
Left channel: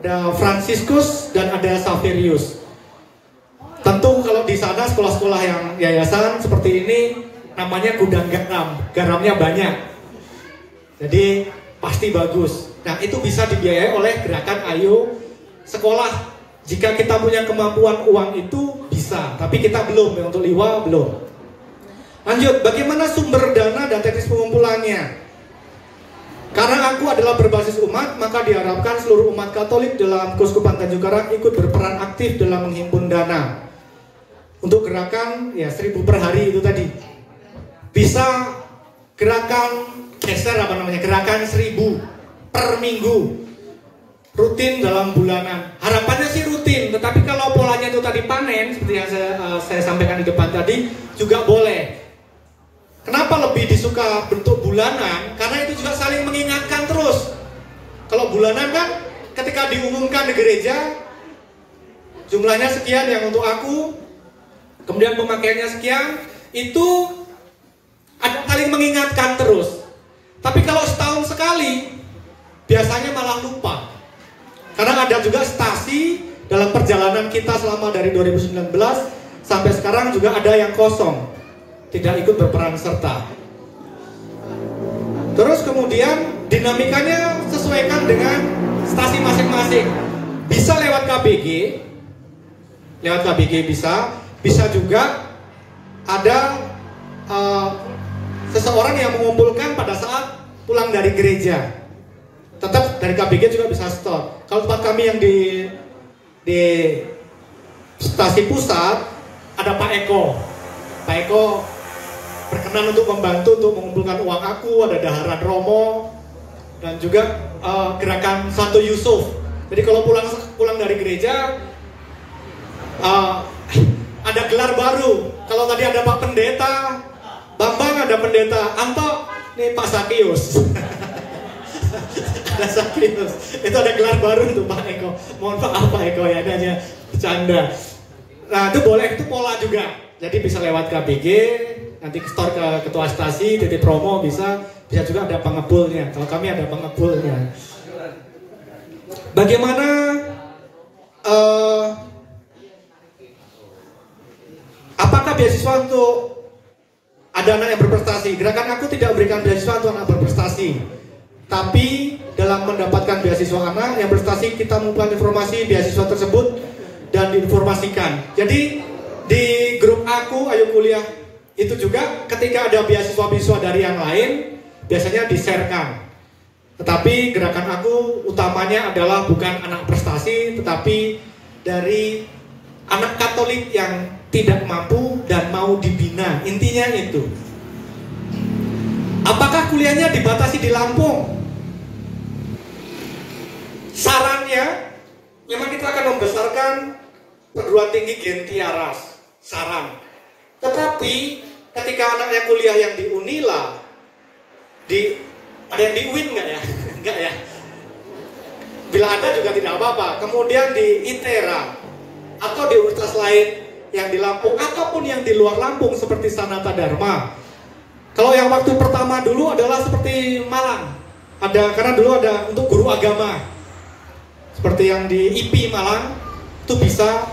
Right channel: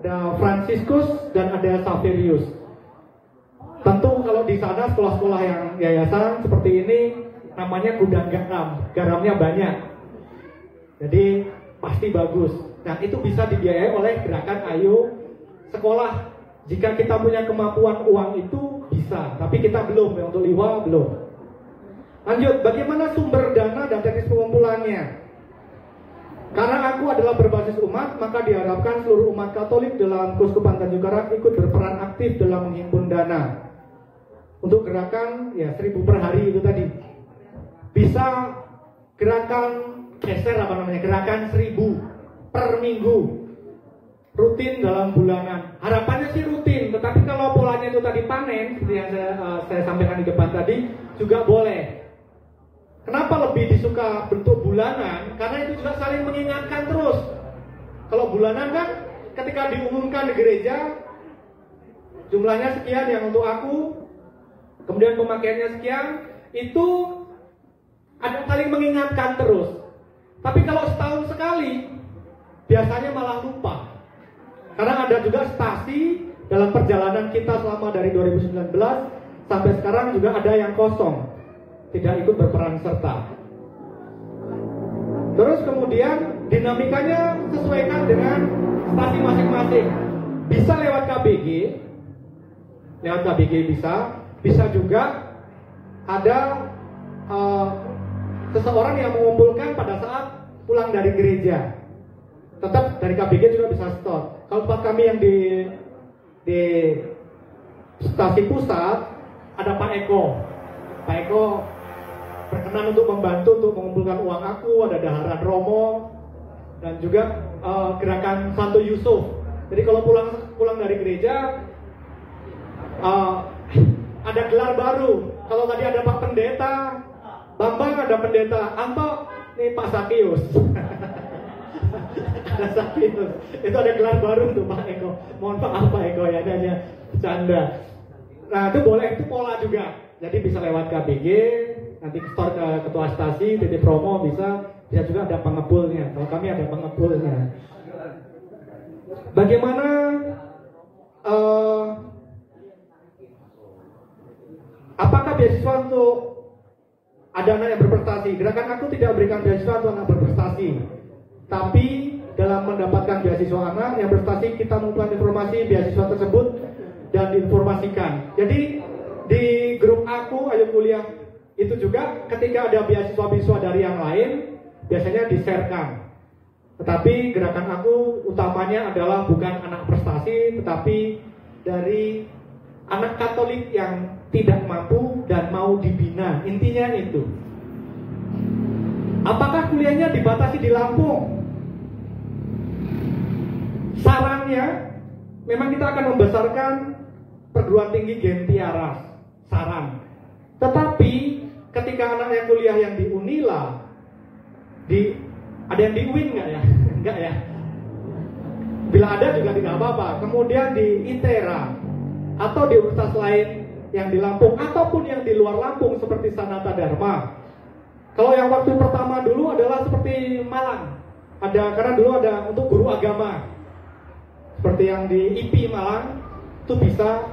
Ada Franciscus dan ada Saverius. Tentu kalau di sana sekolah-sekolah yang yayasan seperti ini namanya gudang garam, garamnya banyak. Jadi pasti bagus. Nah, itu bisa dibiayai oleh gerakan Ayo Sekolah. Jika kita punya kemampuan uang itu bisa, tapi kita belum ya, untuk LIWA belum. Lanjut, bagaimana sumber dana dan teknis pengumpulannya? Karena aku adalah berbasis umat, maka diharapkan seluruh umat Katolik dalam Keuskupan Tanjung Karang ikut berperan aktif dalam menghimpun dana. Untuk gerakan ya 1000 per hari itu tadi. Bisa gerakan gerakan 1000 per minggu. Rutin dalam bulanan. Harapannya sih rutin, tetapi kalau polanya itu tadi panen seperti yang saya sampaikan di depan tadi juga boleh. Kenapa lebih disuka bentuk bulanan? Karena itu juga saling mengingatkan terus. Kalau bulanan kan ketika diumumkan di gereja jumlahnya sekian yang untuk aku, kemudian pemakaiannya sekian, itu ada saling mengingatkan terus. Tapi kalau setahun sekali biasanya malah lupa. Karena ada juga stasi dalam perjalanan kita selama dari 2019 sampai sekarang juga ada yang kosong, tidak ikut berperan serta. Terus kemudian dinamikanya sesuaikan dengan stasi masing-masing. Bisa lewat KBG bisa juga ada seseorang yang mengumpulkan pada saat pulang dari gereja. Tetap dari KBG juga bisa store. Kalau tempat kami yang di stasi pusat ada Pak Eko. Pak Eko berkenan untuk membantu untuk mengumpulkan uang aku, ada Daharan Romo dan juga gerakan Santo Yusuf. Jadi kalau pulang dari gereja ada ada gelar baru. Kalau tadi ada Pak Pendeta, Bambang ada Pendeta, Anto, nih Pak Sakius. Ada Sakius. Itu ada gelar baru untuk Pak Eko. Mohon maaf Pak Eko ya, ada aja bercanda. Nah itu boleh, itu pola juga. Jadi bisa lewat KBG, nanti store ke ketua stasi, titik promo bisa juga ada pengebulnya. Kalau kami ada pengebulnya. Bagaimana apakah beasiswa untuk ada anak yang berprestasi? Gerakan aku tidak berikan beasiswa untuk anak berprestasi, tapi dalam mendapatkan beasiswa anak yang berprestasi kita mengumpulkan informasi beasiswa tersebut dan diinformasikan. Jadi di grup aku Ayo Kuliah itu juga ketika ada beasiswa-beasiswa dari yang lain biasanya di-sharekan. Tetapi gerakan aku utamanya adalah bukan anak prestasi, tetapi dari anak Katolik yang tidak mampu dan mau dibina. Intinya itu. Apakah kuliahnya dibatasi di Lampung? Sarannya, memang kita akan membesarkan perguruan tinggi Gentiaras. Saran. Tetapi ketika anaknya kuliah yang di Unila, ada yang di UIN nggak ya? Enggak ya. Bila ada juga tidak apa-apa. Kemudian di ITERA atau di universitas lain yang di Lampung ataupun yang di luar Lampung seperti Sanata Dharma. Kalau yang waktu pertama dulu adalah seperti Malang. Karena dulu ada untuk guru agama. Seperti yang di IP Malang itu bisa,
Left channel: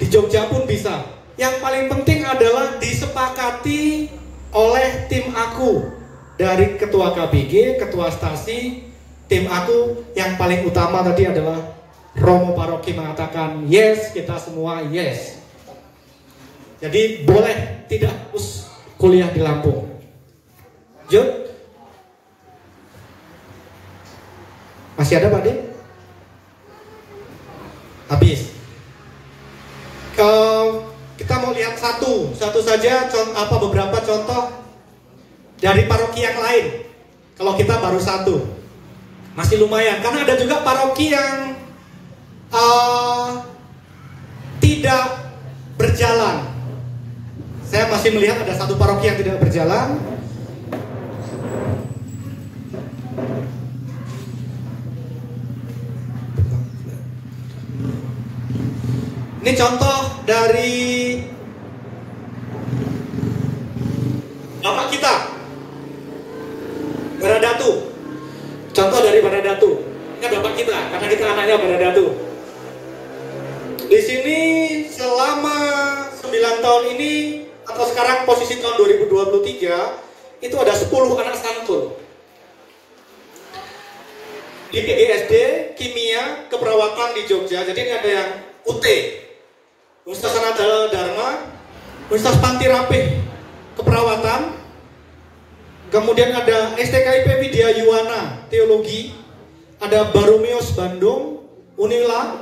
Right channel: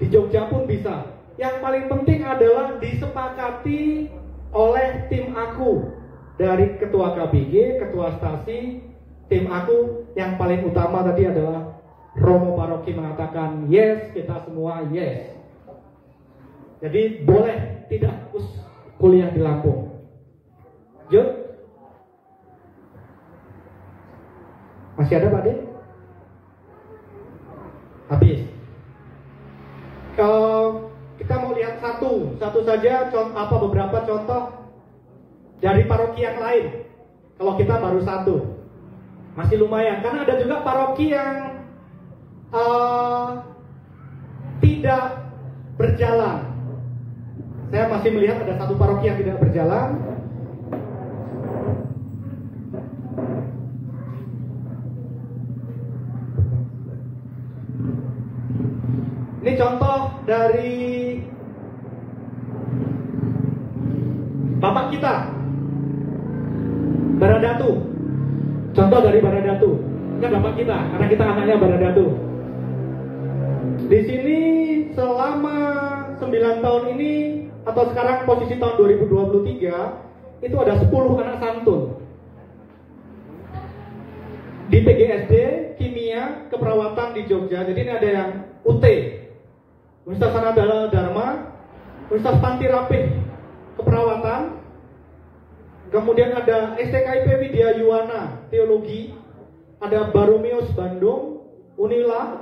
di Jogja pun bisa. Yang paling penting adalah disepakati oleh tim aku. Dari ketua KBG, ketua stasi, tim aku yang paling utama tadi adalah Romo Paroki mengatakan yes, kita semua yes. Jadi boleh tidak harus kuliah di Lampung. Jod? Masih ada Pak De? Habis. Kita mau lihat satu saja beberapa contoh dari paroki yang lain. Kalau kita baru satu, masih lumayan. Karena ada juga paroki yang tidak berjalan. Saya masih melihat ada satu paroki yang tidak berjalan. Ini contoh dari Bapak kita, Baradatu. Contoh dari Baradatu. Ini Bapak kita, karena kita anaknya Baradatu. Di sini selama 9 tahun ini, atau sekarang posisi tahun 2023, itu ada 10 anak santun. Di PGSD, Kimia, Keperawatan di Jogja. Jadi ini ada yang UT, Universitas Sanata Dharma, Universitas Panti Rapih, Keperawatan. Kemudian ada STKIP Widya Yuwana, Teologi. Ada Baromeus Bandung, Unila,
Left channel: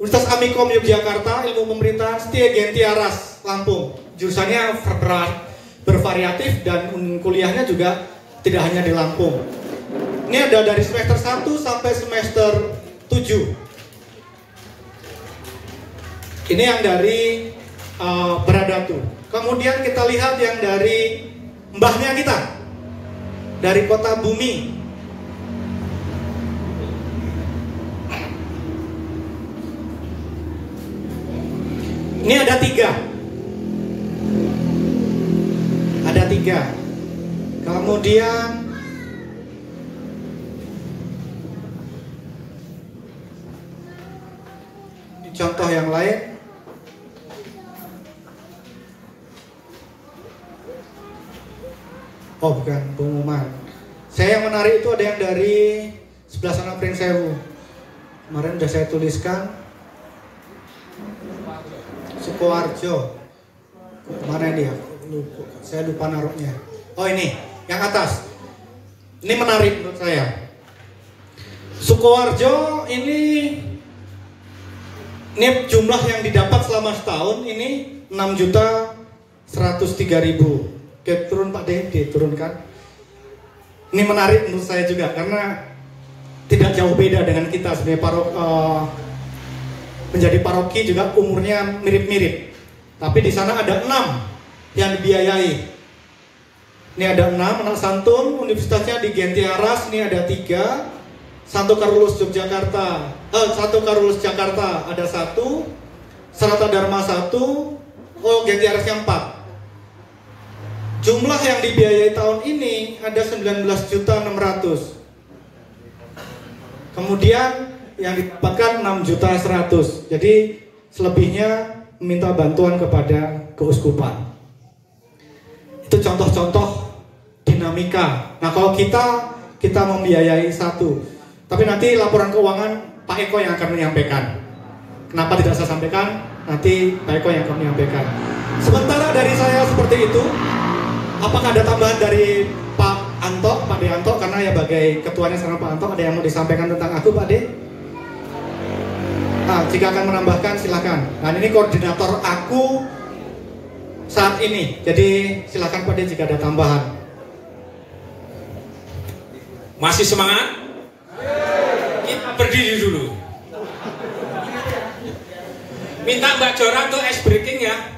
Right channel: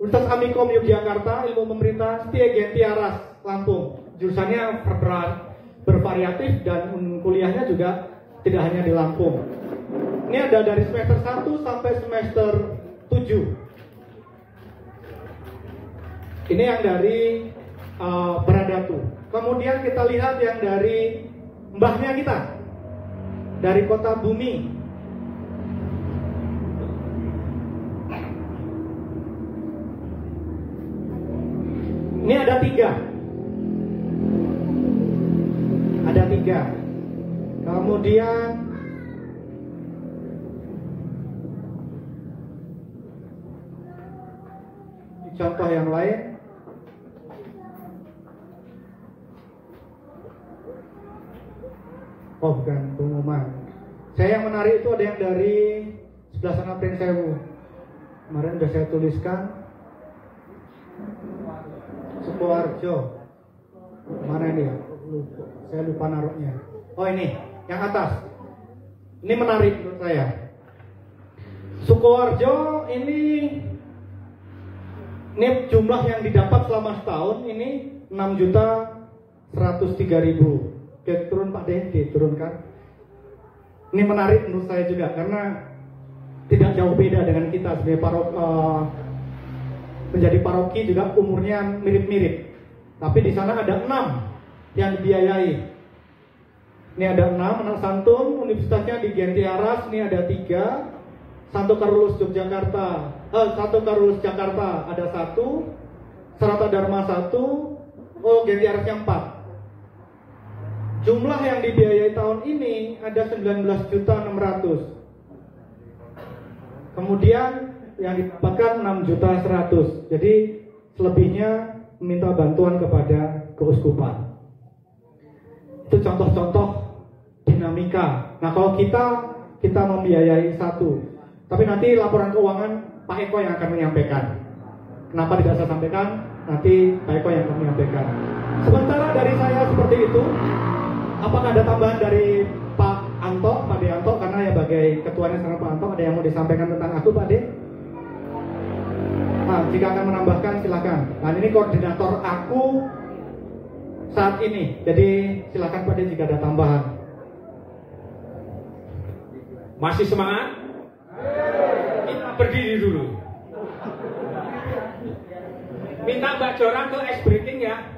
Universitas Amikom Yogyakarta, Ilmu Pemerintahan, Setia Gentiaras, Lampung. Jurusannya bervariatif dan kuliahnya juga tidak hanya di Lampung. Ini ada dari semester 1 sampai semester 7. Ini yang dari Baradatu. Kemudian kita lihat yang dari mbahnya kita, dari Kota Bumi. Ini ada 3. Ada 3. Kemudian ini contoh yang lain. Oh bukan, pengumuman. Saya yang menarik itu ada yang dari sebelah sana Prinsewu. Kemarin sudah saya tuliskan. Sukoharjo. Kemana ini ya? Saya lupa naruhnya. Oh ini, yang atas. Ini menarik menurut saya. Sukoharjo ini jumlah yang didapat selama setahun ini 6.103.000. Oke, turun Pak D, diturunkan. Ini menarik menurut saya juga karena tidak jauh beda dengan kita sebagai menjadi paroki juga umurnya mirip-mirip. Tapi di sana ada 6 yang dibiayai. Ini ada 6 anak santun, universitasnya di Gentiaras, ini ada 3. Santo Carolus Yogyakarta, Santo Carolus Jakarta ada 1, Serata Dharma 1, Gentiaras yang 4. Jumlah yang dibiayai tahun ini ada 19.600.000. Kemudian yang didapatkan 6.100.000. Jadi selebihnya meminta bantuan kepada keuskupan. Itu contoh-contoh dinamika. Nah, kalau kita membiayai 1, tapi nanti laporan keuangan Pak Eko yang akan menyampaikan. Kenapa tidak saya sampaikan? Nanti Pak Eko yang akan menyampaikan. Sementara dari saya seperti itu. Apakah ada tambahan dari Pak Anto, Pak Deanto? Karena ya sebagai ketuanya sekarang Pak Anto, ada yang mau disampaikan tentang aku, Pak De? Nah, jika akan menambahkan silakan. Nah, ini koordinator aku saat ini. Jadi silakan Pak De jika ada tambahan. Masih semangat? Kita berdiri dulu. Minta Mbak Jora untuk ice breaking ya.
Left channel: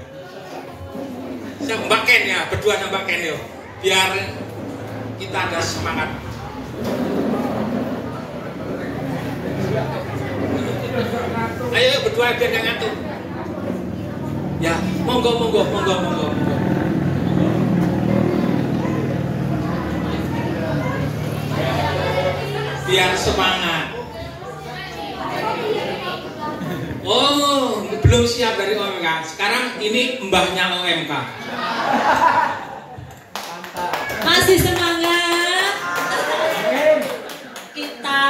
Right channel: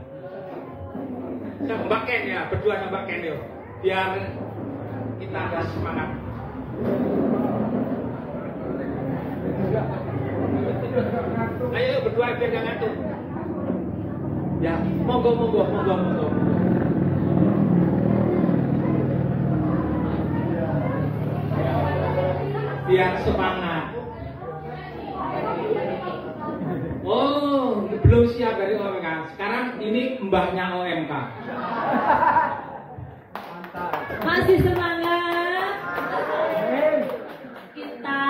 Mbak Ken ya, berdua sama Mbak Ken yuk. Biar kita ada semangat. Ayo berdua biar gak ngantuk. Ya, monggo. Biar semangat. Oh, belum siap dari OMK. Sekarang ini mbahnya OMK. Masih semangat. Kita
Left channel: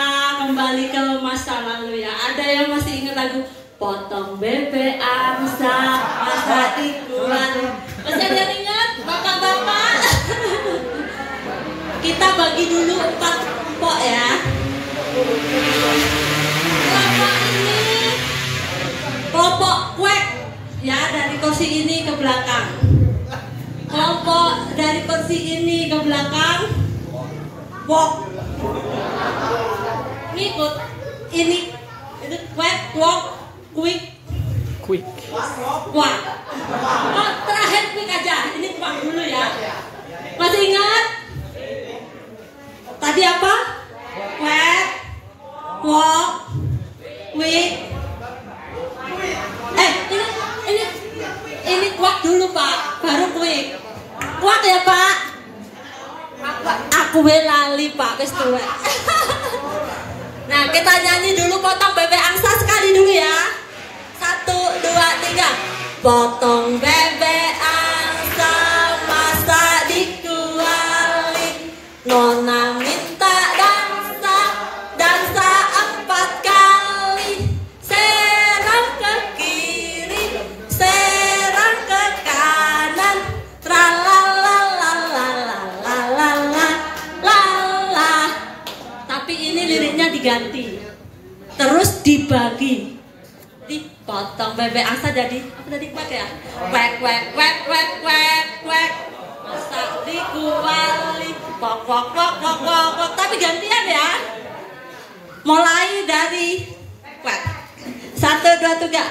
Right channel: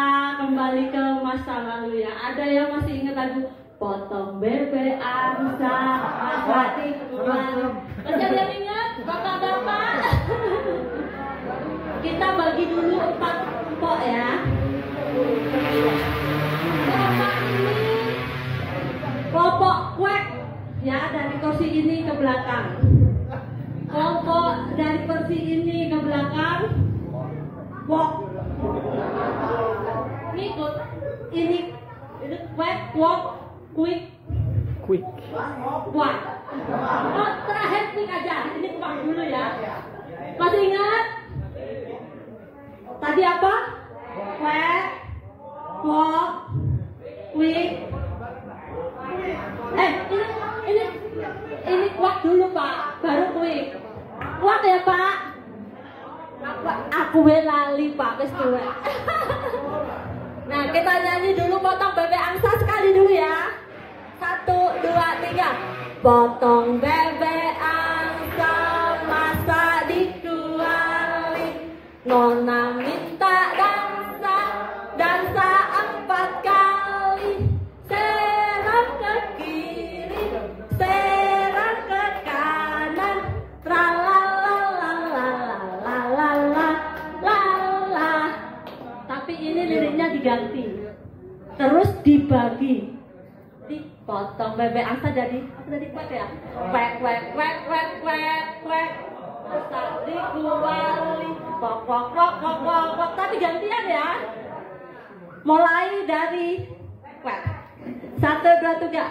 kembali ke masa lalu ya. Ada yang masih ingat lagu Potong Bebek Angsa Masa Ikuan? Masih ada yang ingat? Bapak-bapak. Kita bagi dulu 4 kelompok ya. Kelompok kuek ya, dari kursi ini ke belakang. Kelompok dari kursi ini ke belakang. Walk. Ngikut. Ini kuek, walk, quick. Walk. Oh, terakhir quick aja. Ini walk dulu ya. Masih ingat? Tadi apa? Kuek, walk, quick. Ini kuat dulu Pak, baru quick. Kuat ya Pak? Aku lali Pak, wis tuwek. Nah, kita nyanyi dulu Potong Bebek Angsa sekali dulu ya. 1, 2, 3. Potong bebek angsa masa dikuali. Nona minta dansa 4 kali. Serang ke kiri, serang ke kanan. Tralalalalalalala. Tapi ini liriknya diganti. Terus dibagi. Dipotong bebek angsa jadi apa tadi, kuek ya? Kuek. Masa dikuali. Pok. Tapi gantian ya. Mulai dari kuek. 1, 2, 3.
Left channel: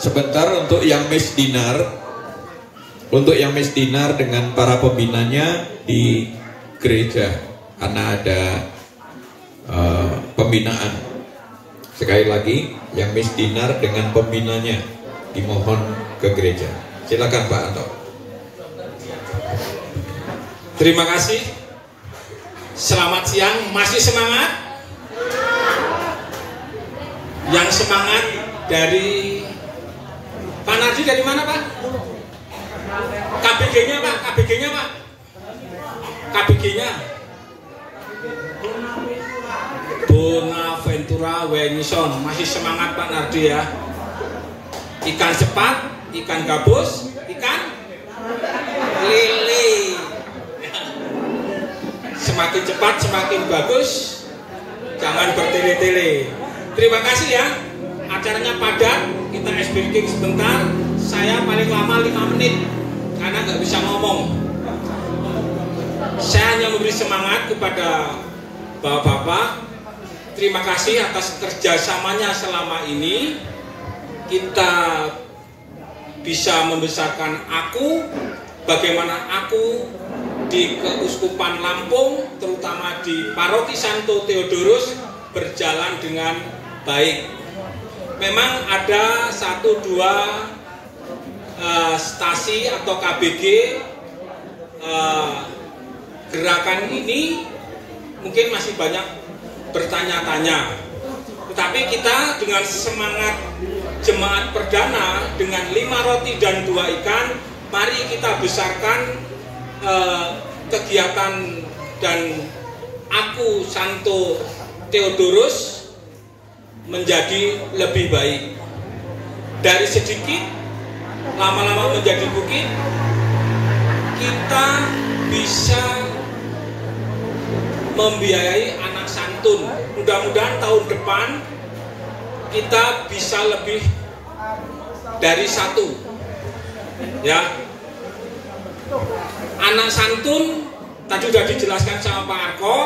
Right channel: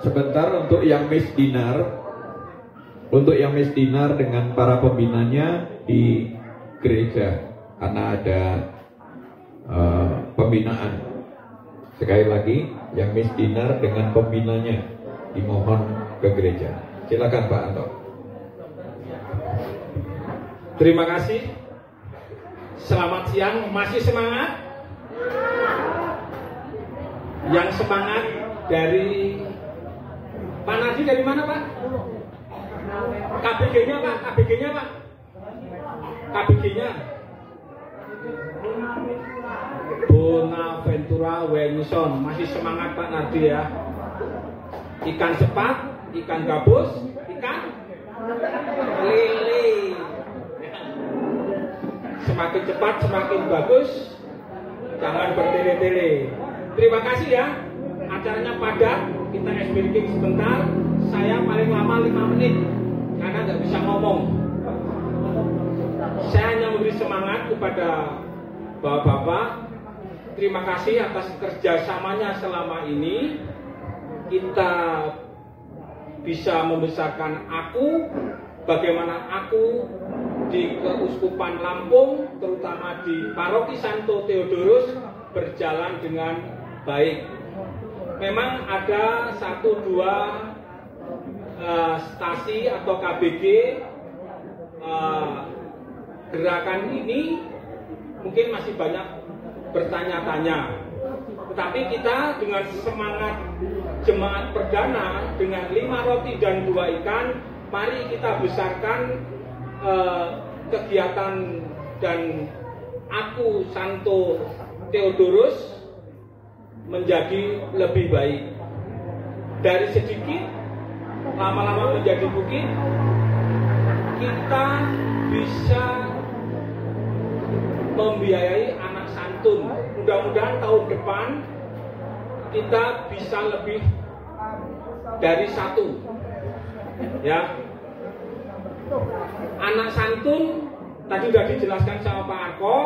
Sebentar untuk yang Miss Dinar. Untuk yang Miss Dinar dengan para pembinanya di gereja, karena ada pembinaan. Sekali lagi, yang Miss Dinar dengan pembinanya dimohon ke gereja. Silakan Pak Anto. Terima kasih. Selamat siang. Masih semangat? Yang semangat dari Pak Narji dari mana Pak? KBG-nya Pak, KBG-nya Pak. KBG-nya Bonaventura Wenison. Masih semangat Pak Narji ya. Ikan cepat, ikan gabus, ikan lele. Semakin cepat semakin bagus. Jangan bertele-tele. Terima kasih ya. Acaranya padat. Kita ice breaking sebentar. Saya paling lama 5 menit karena nggak bisa ngomong. Saya hanya memberi semangat kepada bapak-bapak. Terima kasih atas kerjasamanya selama ini. Kita bisa membesarkan aku, bagaimana aku di Keuskupan Lampung, terutama di Paroki Santo Theodorus, berjalan dengan baik. Memang ada 1-2 stasi atau KBG gerakan ini mungkin masih banyak bertanya-tanya. Tetapi kita dengan semangat jemaat perdana dengan 5 roti dan 2 ikan, mari kita besarkan kegiatan dan aku Santo Theodorus menjadi lebih baik. Dari sedikit lama-lama menjadi bukit, kita bisa membiayai anak santun. Mudah-mudahan tahun depan kita bisa lebih dari 1 ya. Anak santun tadi sudah dijelaskan sama Pak Arko.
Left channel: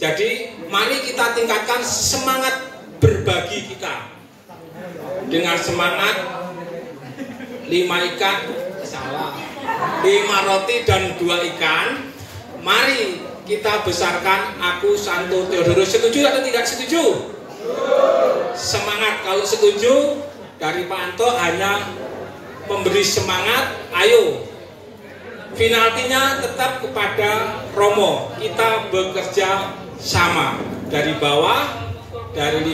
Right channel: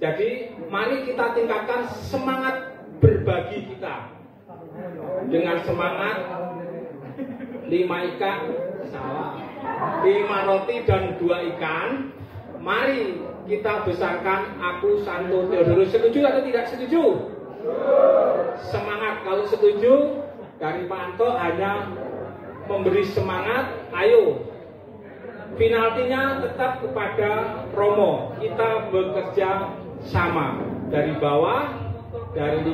Jadi mari kita tingkatkan semangat berbagi kita dengan semangat 5 ikan, salah, 5 roti dan 2 ikan. Mari kita besarkan aku Santo Theodorus. Setuju atau tidak setuju? Semangat. Kalau setuju, dari Pak Anto hanya memberi semangat. Ayo, penaltinya tetap kepada Romo. Kita bekerja sama dari bawah, dari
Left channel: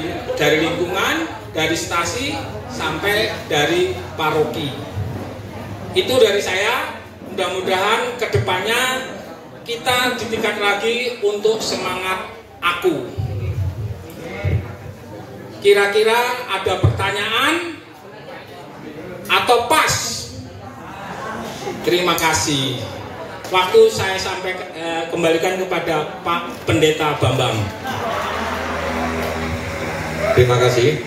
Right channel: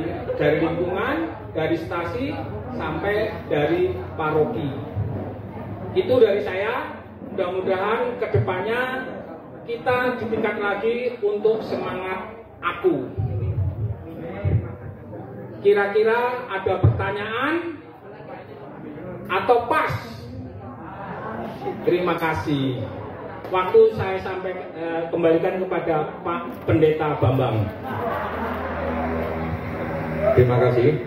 lingkungan, dari stasi sampai dari paroki. Itu dari saya. Mudah-mudahan kedepannya kita ditingkat lagi untuk semangat aku. Kira-kira ada pertanyaan atau pas? Terima kasih. Waktu saya kembalikan kepada Pak Pendeta Bambang. Terima kasih.